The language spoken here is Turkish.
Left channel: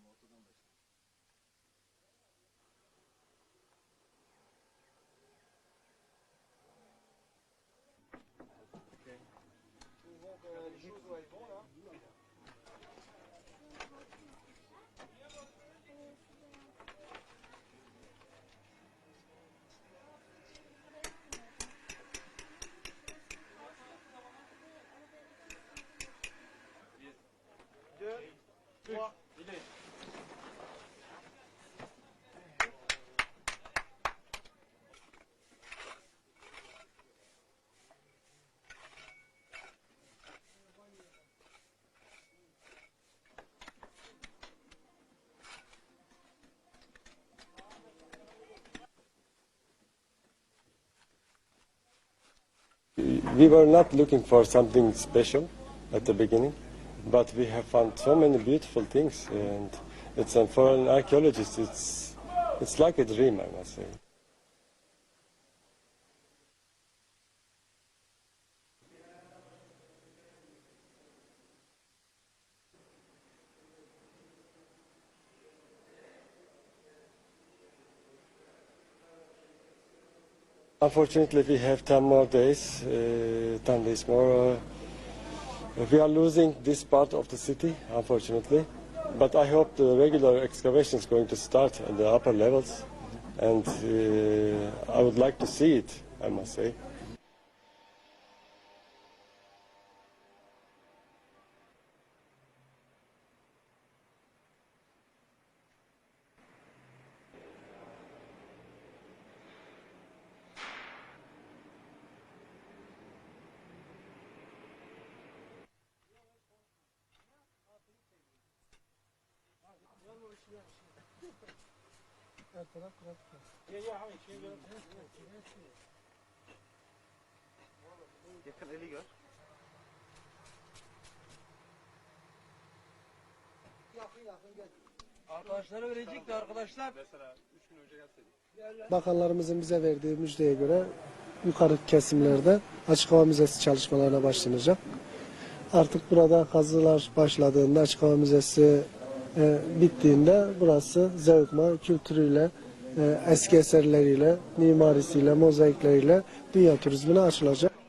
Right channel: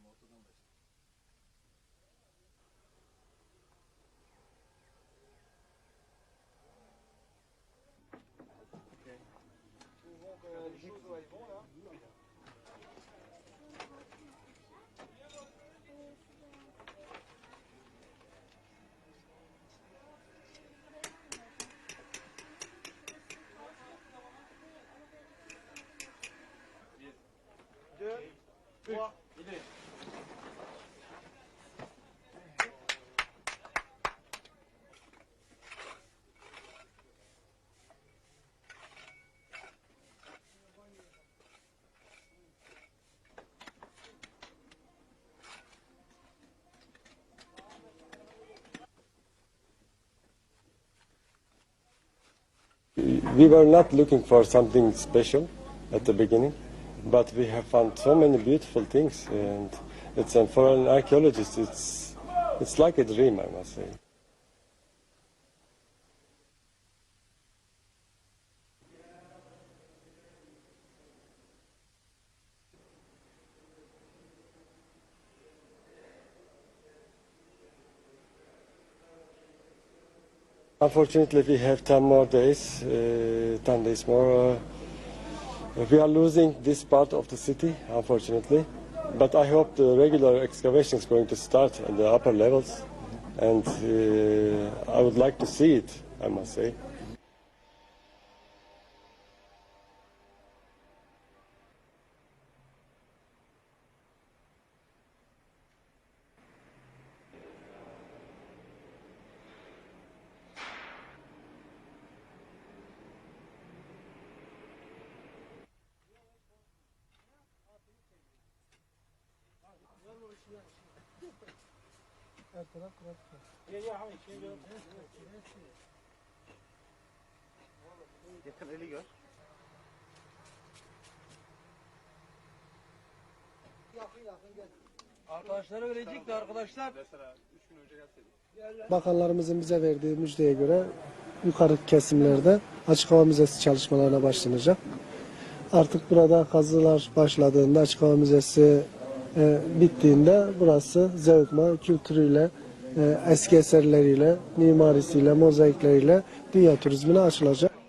olema autotambast. Okay. We were not looking for something special at the beginning, but we have found so many beautiful things, and it's and for an archaeologist, it's it's like a dream, I must say. Unfortunately, we have 10 more days, uh, 10 days more. Uh, we are losing this part of the city, unfortunately. But I hope the regular excavation is going to start in the upper levels. And uh, I would like to see it, I must say. Yakın eli gör. Arkadaşlara verecekti arkadaşlar. Bakanlarımızın bize verdiği müjdeye göre yukarı kesimlerde açık hava müzesi çalışmalarına başlanacak. Artık burada kazılar başladığında açık hava müzesi e, bittiğinde burası Zeugma kültürüyle, e, eski eserleriyle, mimarisiyle, mozaikleriyle dünya turizmine açılacak.